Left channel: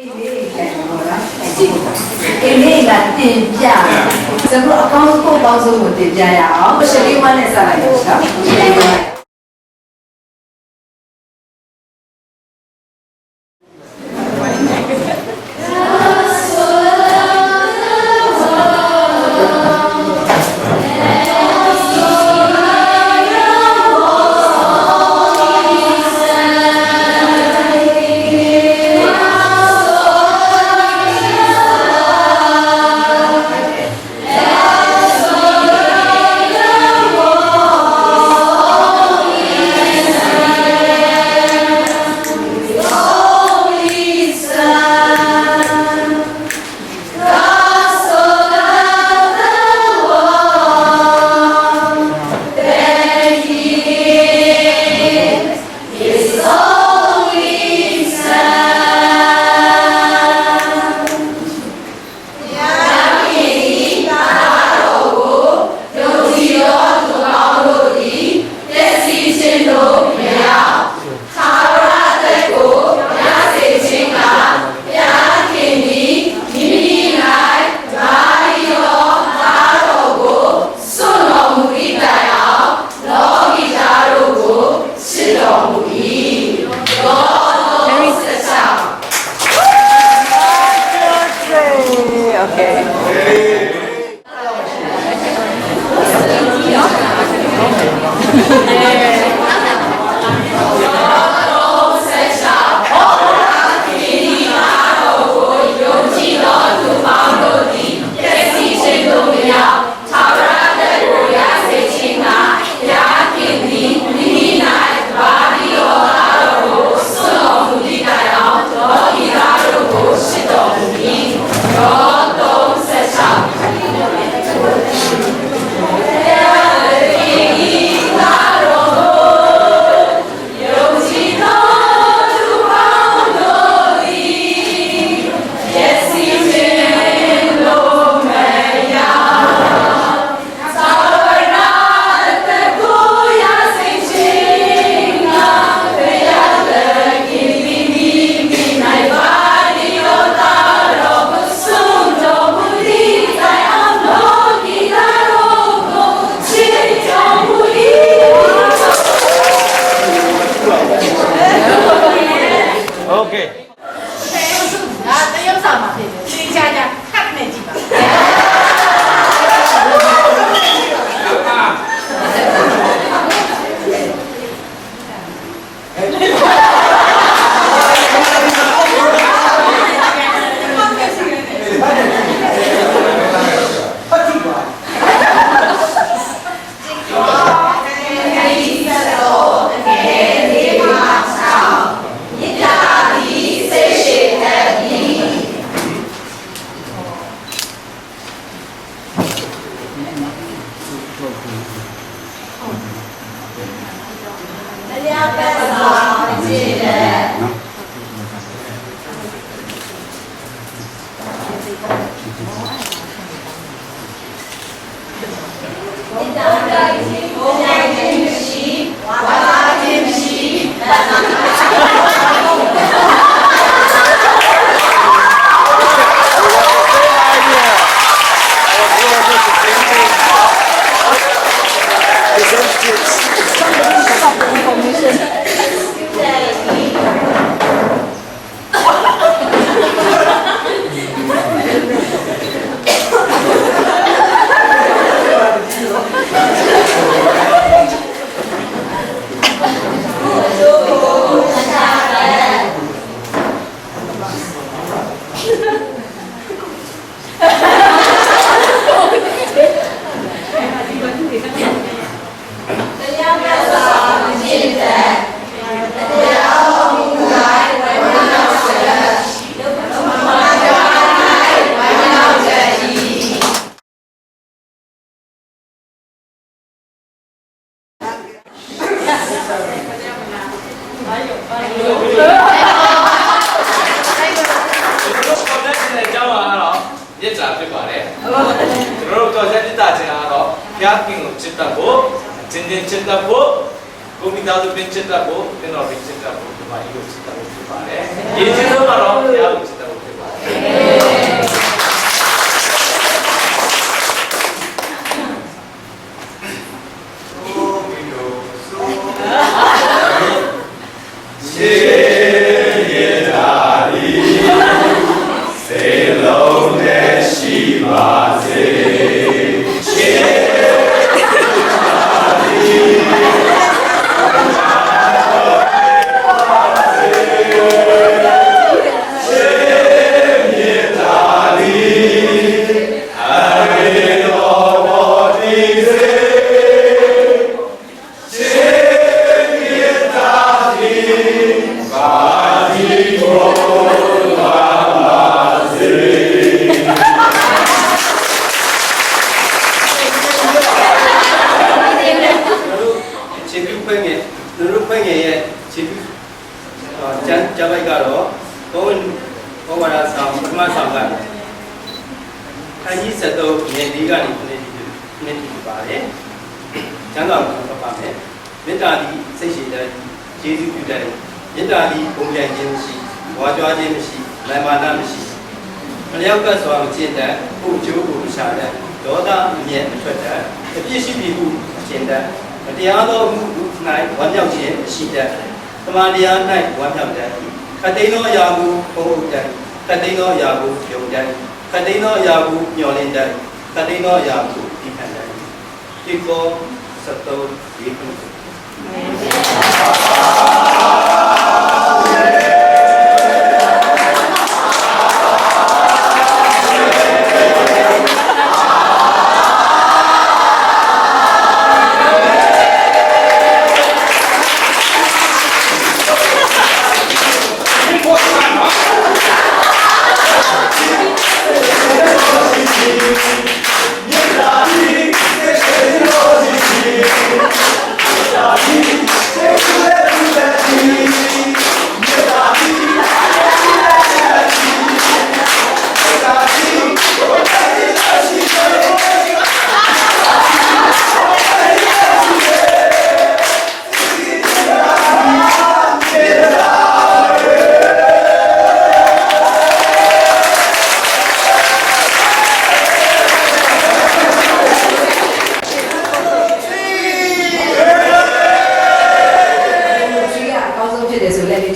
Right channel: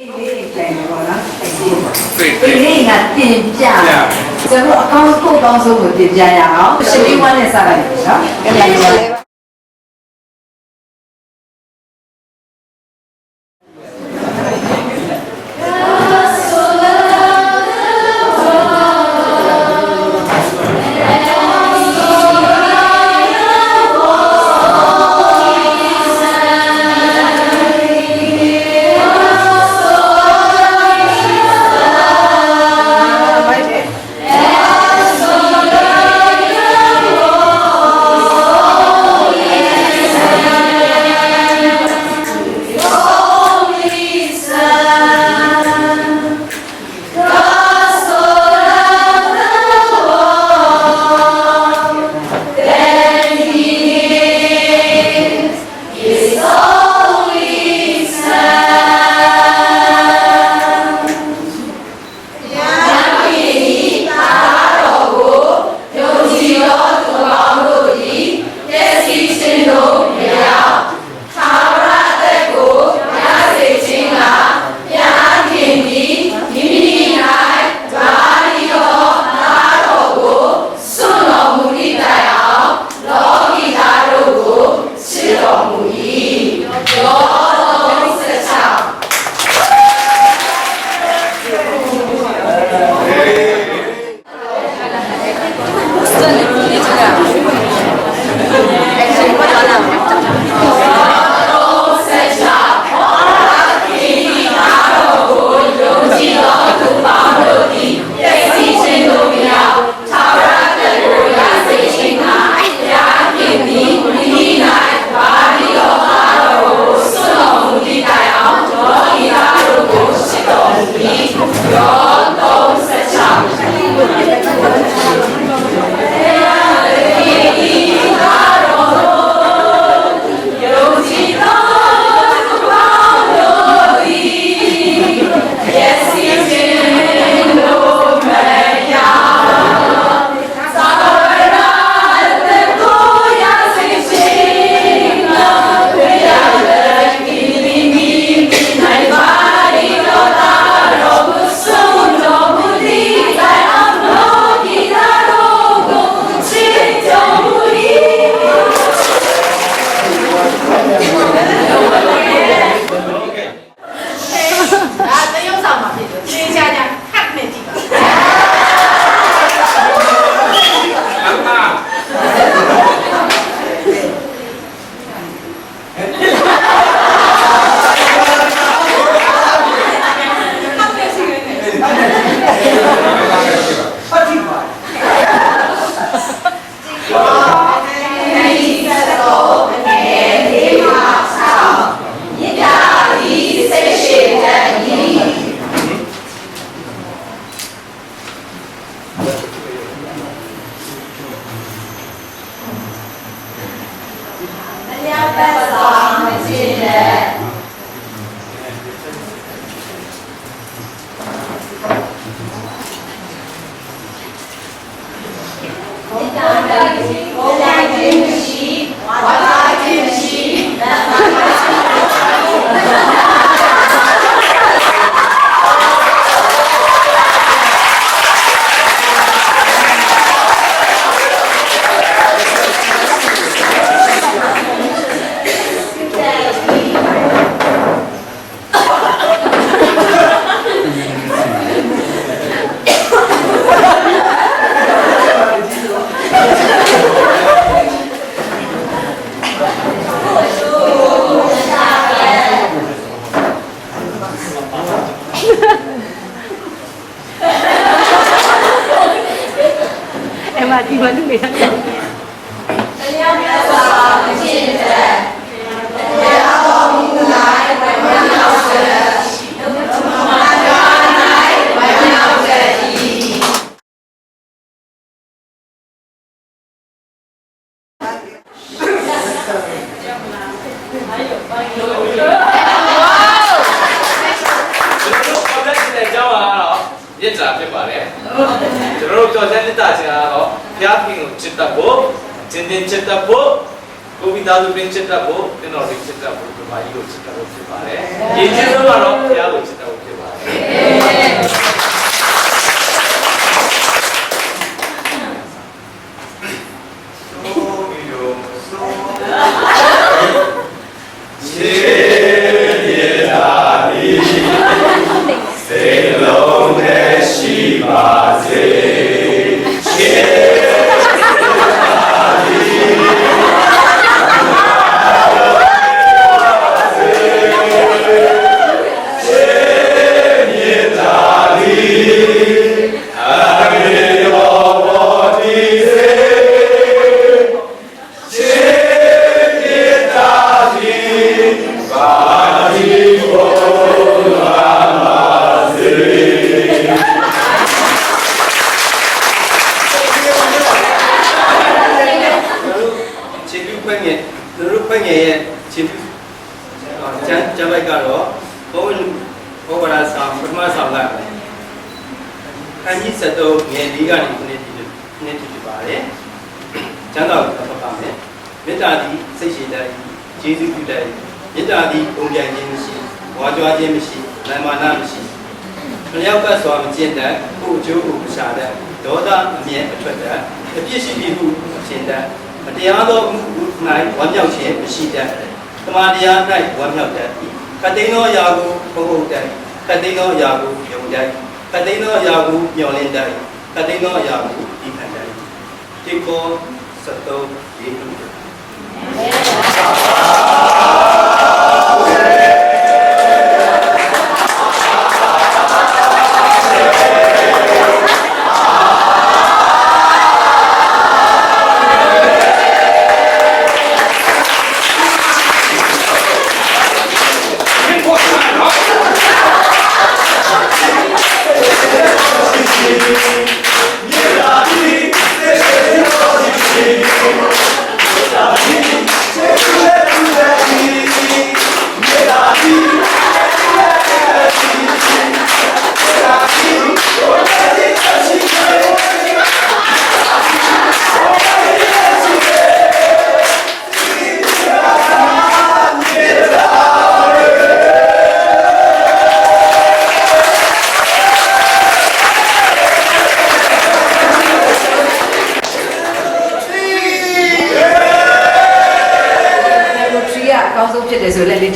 လေးခိုင်ပေါ်လားအေးလေးကတင်ပြကျွန်တော်အကောင်းဆုံးကောင်းဆုံးကိုတင်ပြရအောင်ရှင်းလေးဝမ်းနဲ့စလိုက်ရအောင်နော်ရှင်းလေးဝမ်းကျွန်တော်တို့ကြော်ချက်တက်တာချင်းကတော့ဖျားခင်ကိုချစ်တတ်ဖို့ ကျင်တင်ချစ်တတ်ဖို့ ကိုမိသားစုပင်ချစ်တတ်ဖို့တင်တော်လေးချစ်တတ်ဖို့ဒီမှာကြီးကိုချစ်တတ်ဖို့ဖြစ်ပါတယ်။ရည်ကြီးဆုံးကတော့ဘုရားကိုချစ်တတ်ဖို့ဖြစ်ပါတယ်ကျမ်းပိုက်ကတော့ဘုန်းဘောဝါဒဆောင်ပထမဆောင်ကခန်းကြီး73ငယ်လေးကနေခုနှစ်တိပါတယ်ကျမ်းတော်ကိုဖတ်ပါမယ်မေတ္တာသည်စိတ်ရှိတတ်ကျေးဇူးပြုတတ်မေတ္တာသည်ပုံပြိုင်ခြင်းမရှိဝါကြွားခြင်းမရှိမာနမရှိမလျောက်ကစွာမကျင့်တတ်ကိုအကျိုးကိုမရှာတတ်ဒေါသအမျက်မထွက်တတ်အပြစ်ရှိပြီဟုမထင်တတ်မတရားသောမှု၌ဝမ်းမြောက်ခြင်းမရှိတတ်သမာတရား၌ဝမ်းမြောက်တတ်ခတ်သိမ်းသောအရာကိုဖုံးအုပ်တတ်ခတ်သိမ်းသောအရာကိုယုံတတ်ခတ်သိမ်းသောအရာကိုမျှော်လင့်တတ်ခတ်သိမ်းသောအရာကိုတည်ခံတတ်ဒီကော73ဒီခု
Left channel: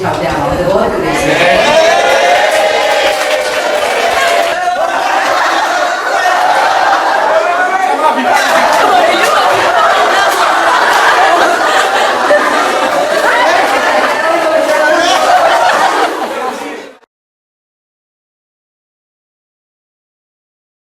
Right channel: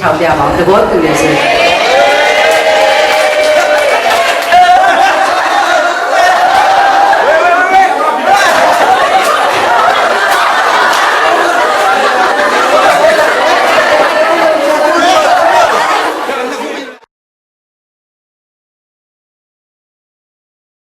ထောင်ပြပါဦးသဘောတူလို့ဆို